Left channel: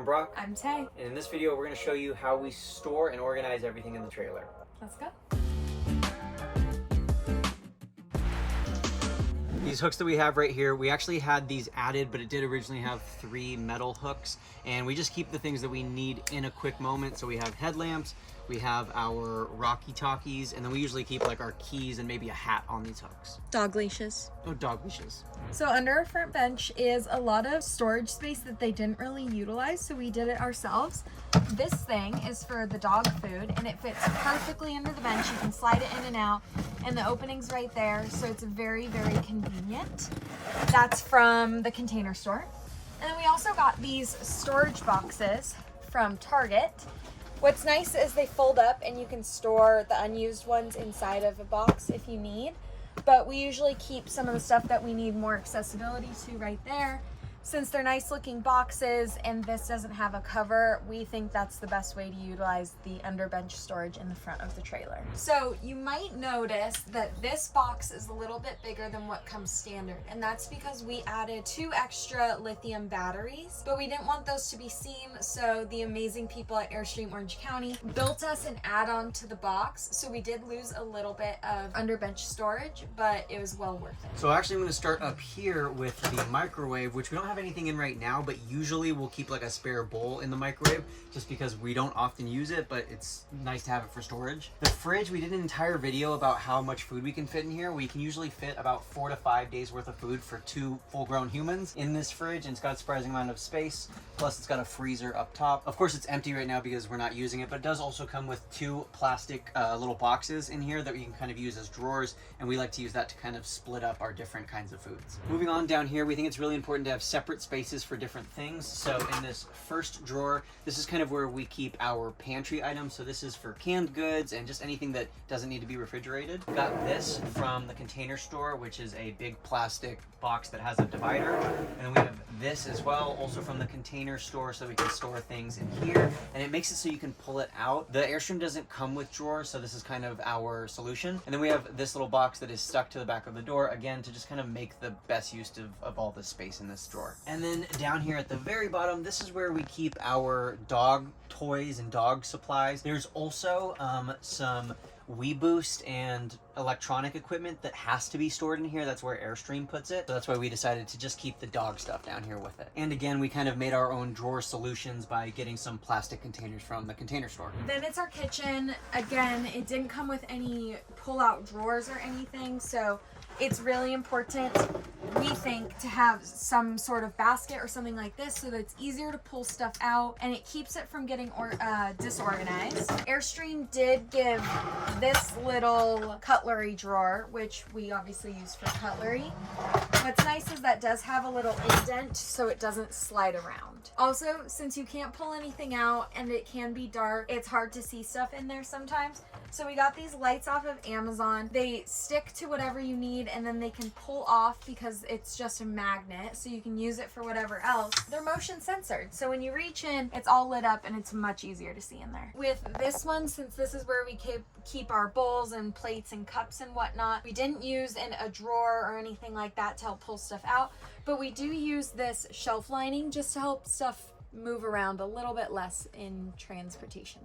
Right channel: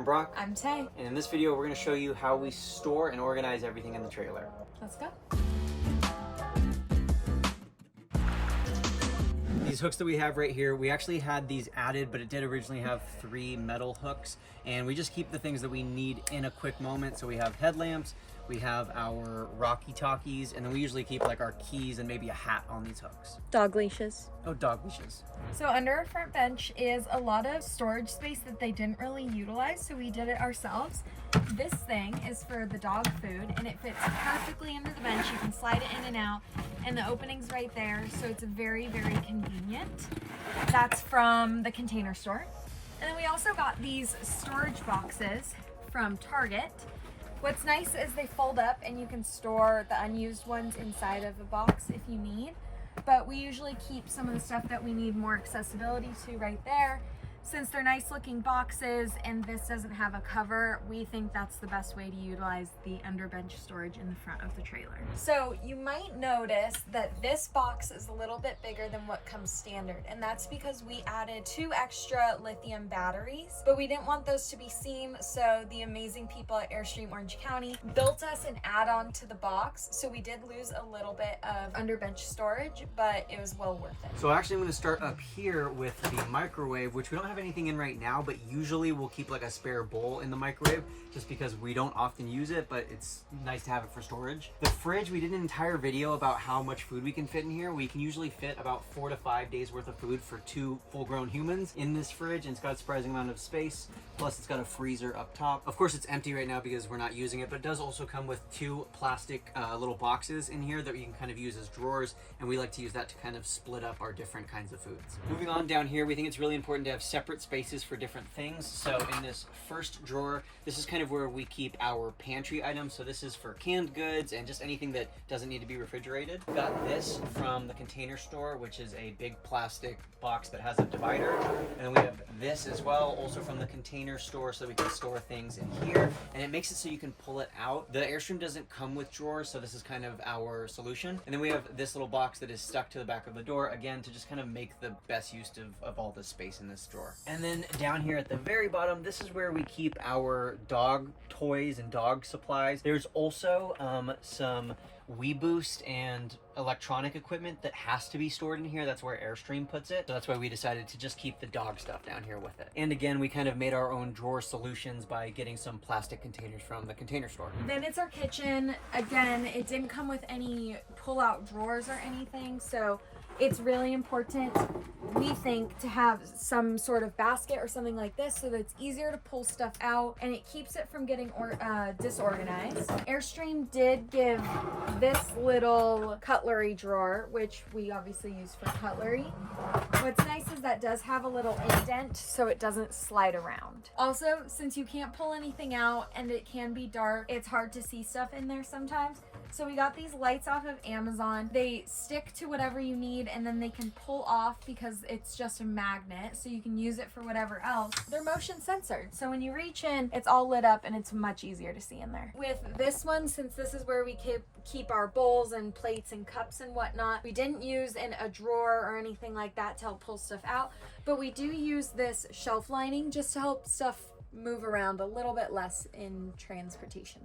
I'm Brock. I'm Tay. And in this video, we're going to show you how we store and organize everything in the trailer. Let's go. These hooks that we have right here, we actually had these added, but it did originally have 3 metal hooks. And we just keep the things that we need in a quick moment. So we have headlamps, we have our Rocky Talkies, and then we usually keep like our keys and maybe a hat on these hooks. Dog leashes. Oh, dog leashes. So under our front bench is a lot of storage space that they didn't really utilize, so we did it ourselves. This thing is for the dog food, and it fits perfectly under the bench. You can slide it in and out, and the opening's right there, so it's very, very convenient. That's from the Container Store. And then we also got these storage boxes from Target. What's nice is they fold up and you can store the unused ones inside of a box if you need. But we usually keep some of the stuff that we need more accessibility to right there. Since they're nice looking boxes and this doesn't have a cover, we think that's the best way to utilize the underbench storage in the front of the trailer. So you might notice that this box is a little bit bigger than what comes standard, and that's because we added 2 extra lithium batteries, but we didn't want those to be seen, so the amazing people at Airstream Orange County built us an add-on to the box, so we did lose a little bit of underbench storage, but it was well worth it. So actually I'm going to start up here with the microwave, which we don't have anything in right now, but usually we'll keep like a spare bowl in the microwave just because we don't often use it, but it's nice to have it for storage. The fridge, we did an entire video about how much food we can fit in here. We can usually fit about 4 to 5 days worth of food for 2 full-grown humans in this fridge, and it's got a surprising amount of space. Plus it's got a freezer up top. Of course it's empty right now because we're not using it, but it does also come with 2 plastic little boxes in here that we can kind of use as drawers, and we like to use that to kind of split up our different kinds of foods. Moving on down here, we think it's really important to have separate spaces for different things. So in this first drawer, this is kind of where we keep our pantry items. So this is for canned goods and just anything that doesn't need to be refrigerated. Got this from the Container Store, which is a big plastic box that has a divider. And then we have this as well, also from the Container Store, so we can store things in here. And it makes it so you can pull it out. The Airstream doesn't come with drawers, so this is kind of our solution. And then we have this little box that is stuck to the back of the door, again, to just kind of make the best use of all the space in this drawer. And then down here at the very bottom, this is where we keep our dog toys and dog supplies. There's also some WeBoost and electronic equipment that has to be stored in here. That's where Airstream puts it. So that's why we decided to just keep the dog stuff down here with it. And again, we kind of made our own drawer solutions by getting some plastic containers from the Container Store. Then it's our kitchen. Again, it didn't come with any pull-out drawers or anything, so it's really important, we think, to have some sort of basket or something like this so that it's easier to pull stuff out and it keeps it from getting disorganized. Airstream did give this little cutlery drawer, which we obviously use for cutlery. What's nice is that does have a little indent so it doesn't slide around. Also, since you can't pull anything out and it can be dark, it's hard to see stuff in there sometimes. So we got these lights off of Amazon. They stick to whatever you need and then they can pull off because it's just a magnet, so you can use it for whatever else. They're motion censored, so when you reach in, it's all lit up and it's much easier to see in there. With this one, since this is where we keep our bowls and plates and cups and whatnot, we didn't use in a drawer or anything like that to help pull stuff out, but we do use this shelf lining just to help stuff move around a little bit less in transportation.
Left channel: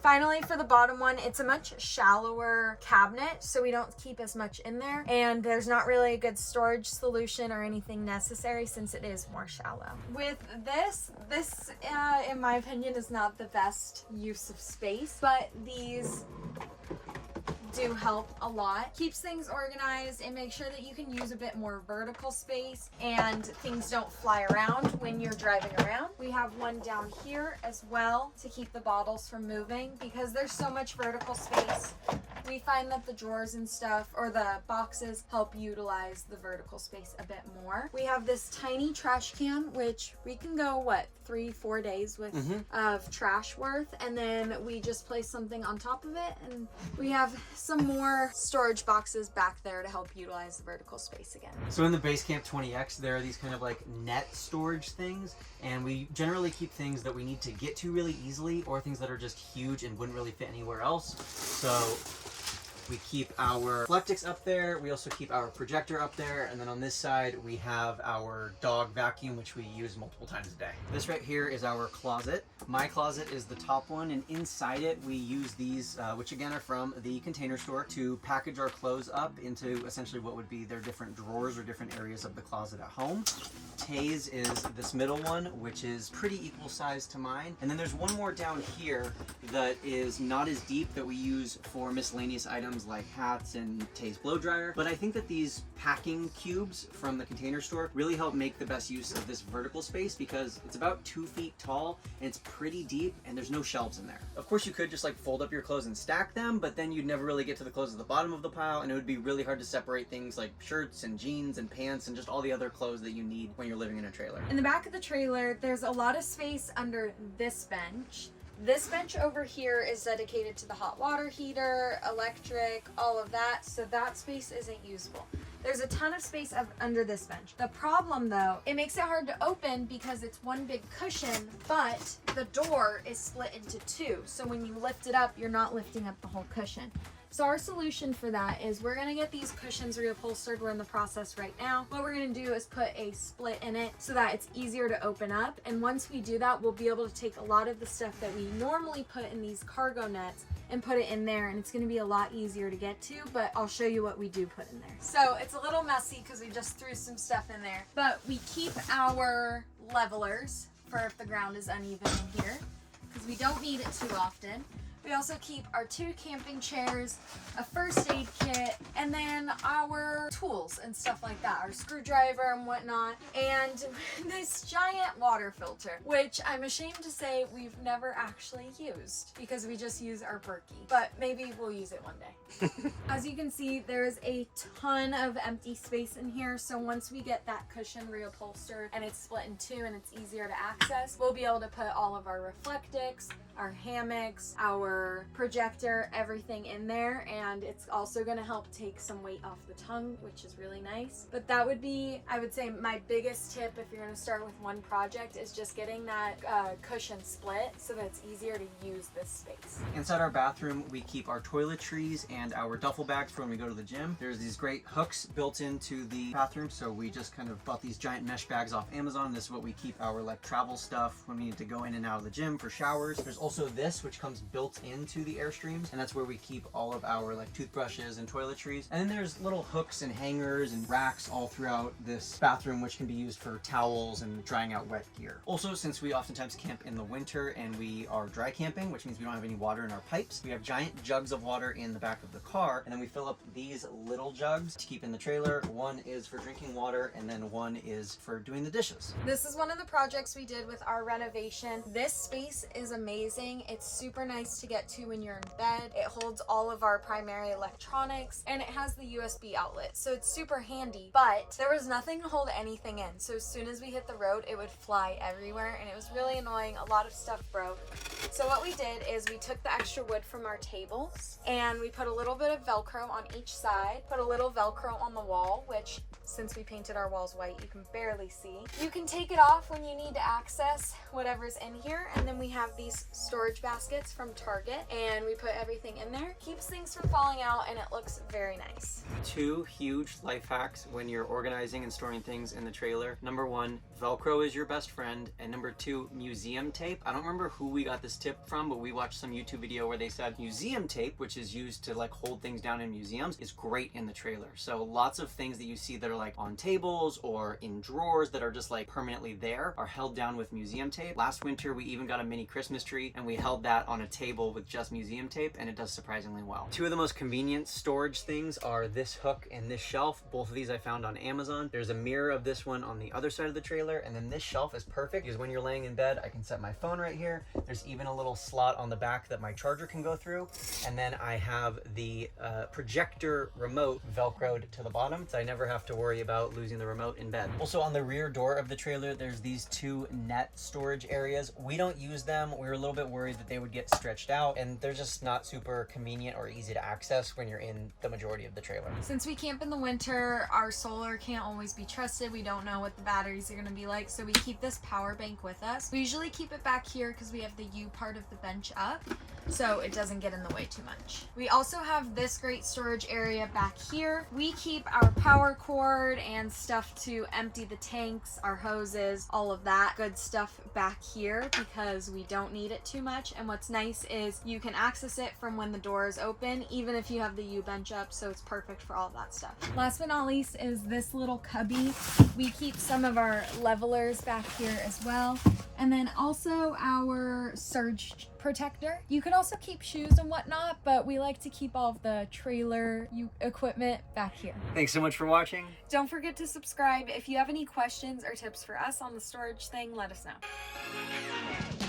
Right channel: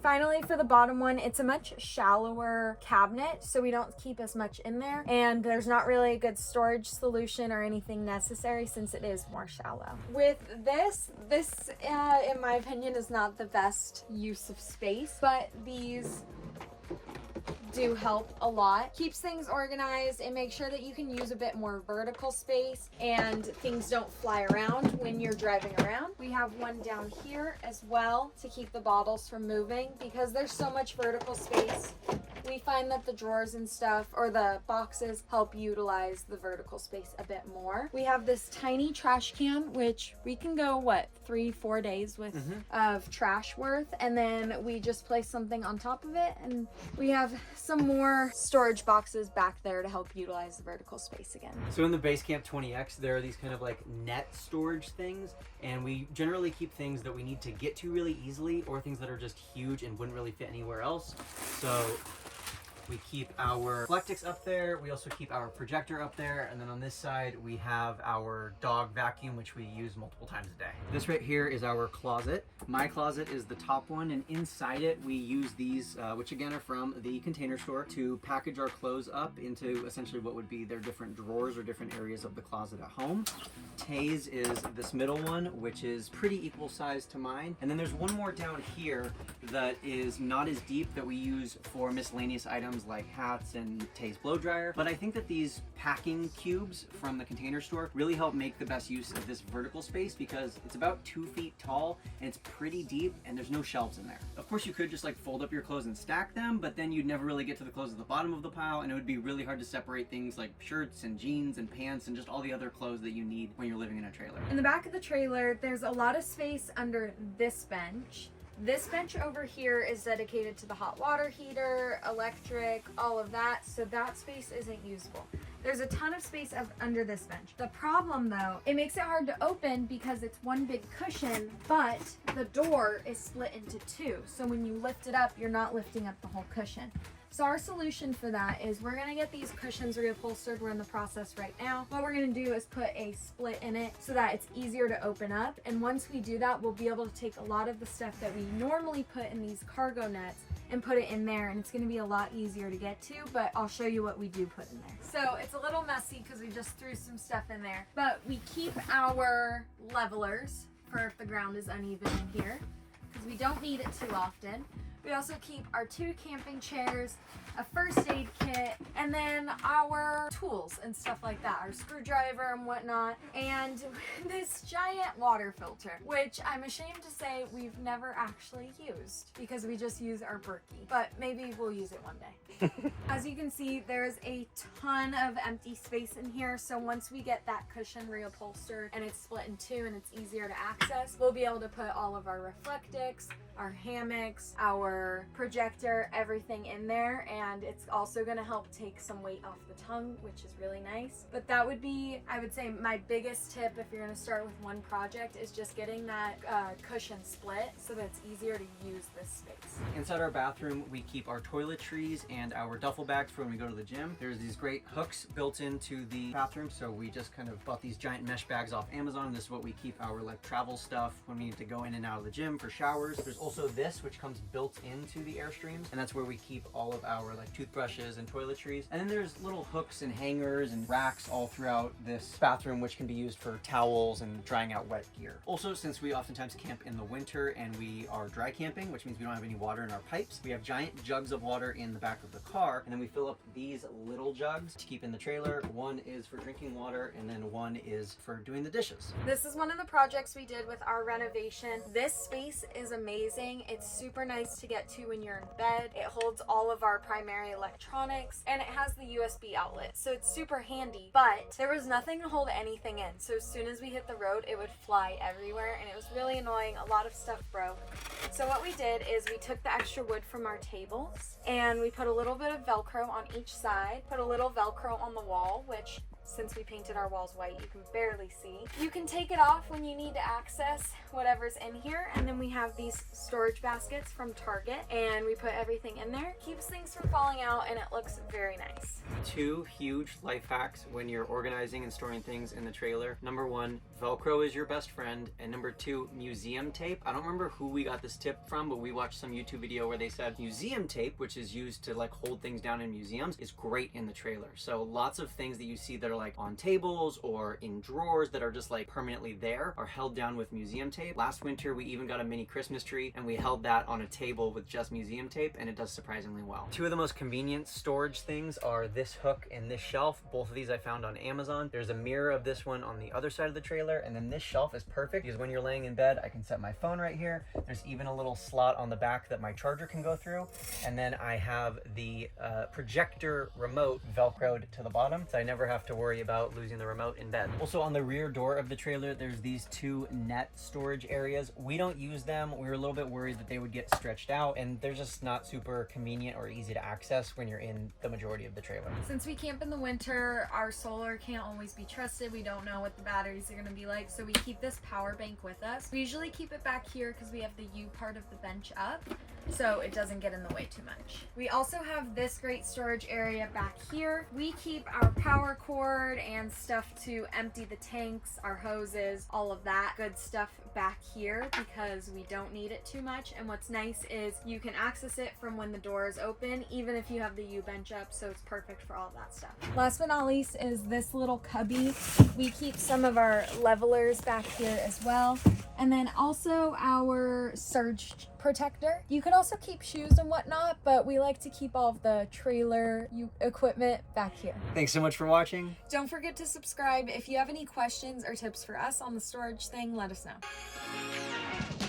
Finally, for the bottom one, it's a much shallower cabinet, so we don't keep as much in there, and there's not really a good storage solution or anything necessary since it is more shallow. With this in my opinion is not the best use of space, but these do help a lot. Keeps things organized and makes sure that you can use a bit more vertical space and things don't fly around when you're driving around. We have one down here as well to keep the bottles from moving because there's so much vertical space. We find that the drawers and stuff, or the boxes, help utilize the vertical space a bit more. We have this tiny trash can, which we can go, 3-4 days with of trash worth, and then we just place something on top of it, and we have some more storage boxes back there to help utilize the vertical space again. So in the Basecamp 20X, there are these kind of like net storage things, and we generally keep things that we need to get to really easily or things that are just huge and wouldn't really fit anywhere else. So We keep our Flectix up there. We also keep our projector up there. And then on this side, we have our dog vacuum, which we use multiple times a day. This right here is our closet. My closet is the top one, and inside it, we use these, which again are from the Container Store, to package our clothes up into essentially what would be their different drawers or different areas of the closet at home. Tay's is this middle one, which is pretty equal size to mine. And then there's one more down here that is not as deep, that we use for miscellaneous items like hats and Tay's blow dryer. But I think that these packing cubes from the Container Store really help make the best use of this vertical space, because it's about 2 feet tall and it's pretty deep and there's no shelves in there. Of course, you could just like fold up your clothes and stack them, but then you'd never really get to the clothes at the bottom of the pile, and it would be really hard to separate things like shirts and jeans and pants and just all the other clothes that you need when you're living in a trailer. In the back of the trailer, there's a lot of space under this bench. This bench over here is dedicated to the hot water heater, electric, all of that, so that space isn't usable. There's a ton of space under this bench. The problem though, it makes it hard to open because it's one big cushion, but the door is split into two. So when you lift it up, you're not lifting up the whole cushion. So our solution for that is we're gonna get these cushions reupholstered. We're in the process right now. What we're gonna do is put a split in it so that it's easier to open up. And once we do that, we'll be able to take a lot of the stuff that we normally put in these cargo nets and put it in there, and it's gonna be a lot easier to get to, but I'll show you what we do put in there. So it's a little messy because we just threw some stuff in there, but we keep our levelers for if the ground is uneven in here, because we don't need it too often. We also keep our 2 camping chairs, a first aid kit, and then our tools and stuff like that, our screwdriver and whatnot, and this giant water filter, which I'm ashamed to say we've never actually used because we just use our Berkey, but maybe we'll use it one day. As you can see, there's a ton of empty space in here, so once we get that cushion reupholstered and it's split in 2 and it's easier to access, we'll be able to put all of our Reflectix, our hammocks, our projector, everything in there, and it's also going to help take some weight off the tongue, which is really nice. But that would be, I would say, my biggest tip if you're going to start with one project is just getting that cushion split so that it's easier to use this space. Inside our bathroom, we keep our toiletries and our duffel bags for when we go to the gym. There's these great hooks built into the bathroom, so we just kind of bought these giant mesh bags off Amazon. This is what we keep our like travel stuff when we need to go in and out of the gym for showers. There's also this, which comes built into the Airstreams, and that's where we keep all of our like toothbrushes and toiletries. And then there's little hooks and hangers and racks all throughout this bathroom, which can be used for towels and drying out wet gear. Also, since we oftentimes camp in the winter and we are dry camping, which means we don't have any water in our pipes, we have giant jugs of water in the back of the car, and then we fill up these little jugs to keep in the trailer. One is for drinking water, and then one is for doing the dishes. This is one of the projects we did with our renovation. This space is amazing. It's super nice to get to when you're in bed. It holds all of our primary electronics, and it has the USB outlet, so it's super handy, but there was nothing to hold anything in. So as soon as we hit the road, it would fly everywhere, and it was really annoying. A lot of stuff broke. So what we did is we took the extra wood from our tables and we put a little bit of Velcro on each side, put a little Velcro on the wall, which since we painted our walls white, you can barely see. You can take it off when you need to access whatever's in here, and then we have these storage baskets from Target, and we put everything in there. Keeps things from falling out, and it looks very nice. 2 huge life hacks when you're organizing and storing things in the trailer. Number 1, Velcro is your best friend, and number 2, museum tape. I don't remember who we got this tip from, but we watched some YouTube video where they said museum tape, which is used to like hold things down in museums, is great in the trailer. So lots of things that you see that are like on tables or in drawers that are just like permanently there are held down with museum tape. Last winter we even got a mini Christmas tree and we held that on a table with just museum tape, and it does surprisingly well. 2 of the most convenient storage things are this hook and this shelf. Both of these I found on Amazon. There's a mirror of this one on the other side of the trailer, and then this shelf is perfect because when you're laying in bed, I can set my phone right here. There's even a little slot on the back that my charger can go through, and then I have the projector remote velcroed to the bottom, so I never have to worry worry about losing the remote in bed. Also, on the rear door of the trailer, there's these two net storage areas. We don't use them. We were a little bit worried that they would get stretched out, and they're just not super convenient or easy to access when you're in the majority of the trailer. Since we camp in the winter, our solar can't always be trusted. We don't know what the batteries are going to be like, so we keep this power bank with us. We usually keep it back here because we have the U part of the bench up, so it doesn't get in the way too much. We also have this great storage area back here. We keep our power cord and stuff to empty the tanks, our hoses, all of that good stuff back here because we don't need it too much. And what's nice is you can access it from when the door is open, even if you have the U bench up, so it's perfect for all of that stuff. Last but not least is this little cubby. We keep some of our levelers back here as well. And then also our surge protector. You could also keep shoes and whatnot, but we like to keep all of the trailer equipment back here. Thanks so much for watching. Don't forget to subscribe. If you have any questions or tips for us on the storage thing, let us know.